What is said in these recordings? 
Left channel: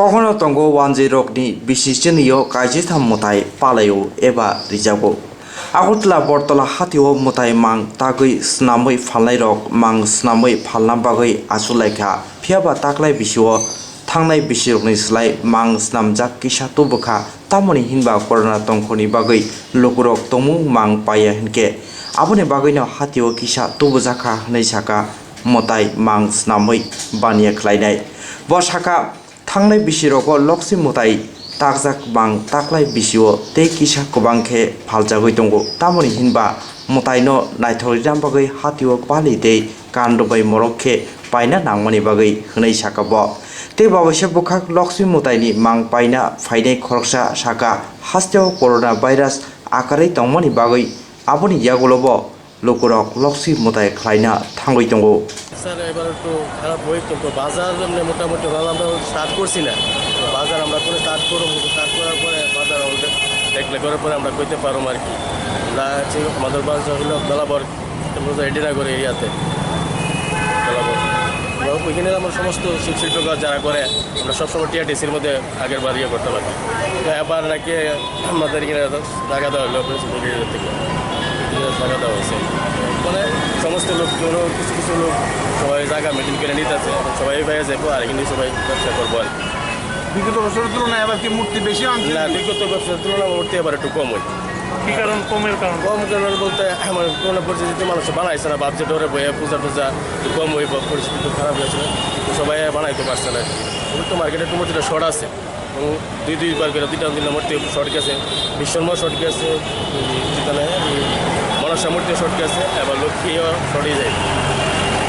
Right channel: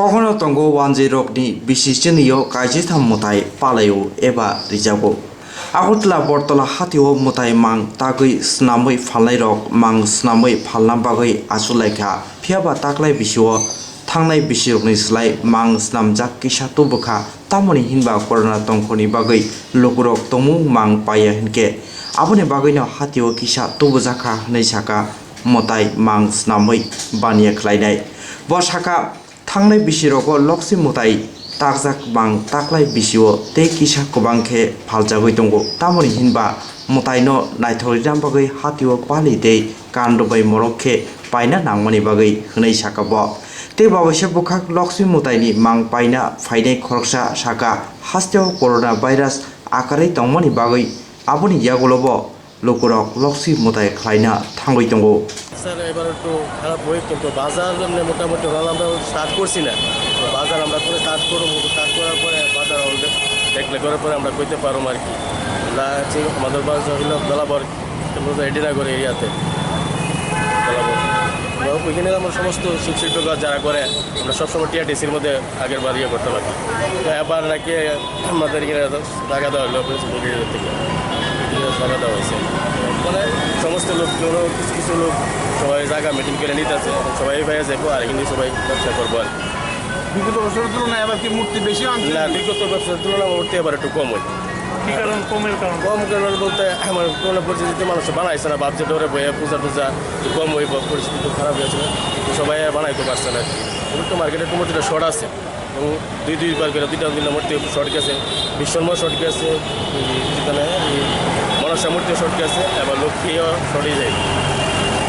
কখনো তঙ্গো 1-0 বিশিষ্টনীয় কাইজিথাম মতাই পালাयो एबा रिजागो আগতলা বর্তলা হাতিও মতাই মাং তাগৈ স্নাमै ফালনাই রক মাং স্নাमै ফালনা বাগৈ আসুলাইখা ফিয়াবা তাকলাই বিশিও थांनाय bisirogni swlai mang snamjak kisa tubukha tamoni hinba corona tongkhoni bagui lokurok tomu mang paya hinke aboni bagui no hatio kisa tubukha hwnwi sakha motai mang snamui baniya khwlainai bo sakha थांनाय bisirogo lokhi mutai takjak mang taklai bisio te kisa kobangkhe phaljagoi tongo tamoni hinba mutai no naithoriram bagui hatio pali tei kandobai morokhe paina nangmani bagui hwnwi sakha bo te babase bukhak lokhi mutaini mang paina phainai khoroksa sakha hasteo corona virus akarai tongmani bagui aboni yagulobo lokurok lokhi mutai khwlaina thangoi tongo sir এবার একটু খারাপ হই কিন্তু বাজার মোটামুটি আমরা start করছি না বাজার আমরা করে স্টার্ট করার পরে বাজার দেখলে করার পরে আমরা কইতে পারবো আর কি আমরা আমাদের বাজার হলো বেলাবর এডিনা করে এরিয়াতে বেলাবর ওইখানে আমরা সমস্ত শিল্প যারা করে আমরা সবসময় টিআরটিসির মধ্যে আগের বার ইয়ে করতে পারি তো এবার নাকি আমাদের এখানে জায়গা দেওয়া হলো থেকে জায়গা দেওয়া হয়েছে মানে সমস্ত লোকগুলো কিছু কিছু লোক সবাই জায়গা মিটিং করে নিতে আছে সবাই পেয়ে যাবো আর এখানে সবাই ব্যবসা করবো আর বিগত বছরের তুলনায় এবার কি মূর্তি বেশি আনছে না বিগত ব্যবসার তুলনায় মূর্তি এবার একটু কম হয় কি কারণ কম কারণ বলতে আমার কোনো পরিস্থিতিতে মানুষ বানাইছে না ভাবছে ডরে বয়ে পূজা টুজা কম হয়ে পরিস্থিতি খুব খারাপ হয়েছিল কিন্তু সবাই বানাইতে পারছে না আর কি মার্কেটে একটু মূর্তিটা শর্ট আছে এবং দুইবার করে দুইটা মূর্তি শর্ট গেছে বিশ্বকর্মা শর্ট গেছে যেখানে মনসা মূর্তি শর্ট গেছে এবার লক্ষ্মীও শর্টই যায়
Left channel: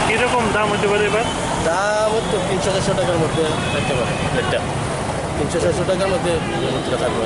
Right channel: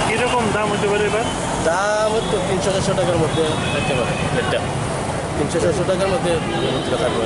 কীরকম দাম হতে পারে এবার দাম তো 300-400 টাকার মধ্যে থাকতে পারে রেটটা 300-400 টাকার মধ্যে মূর্তিটা থাকবে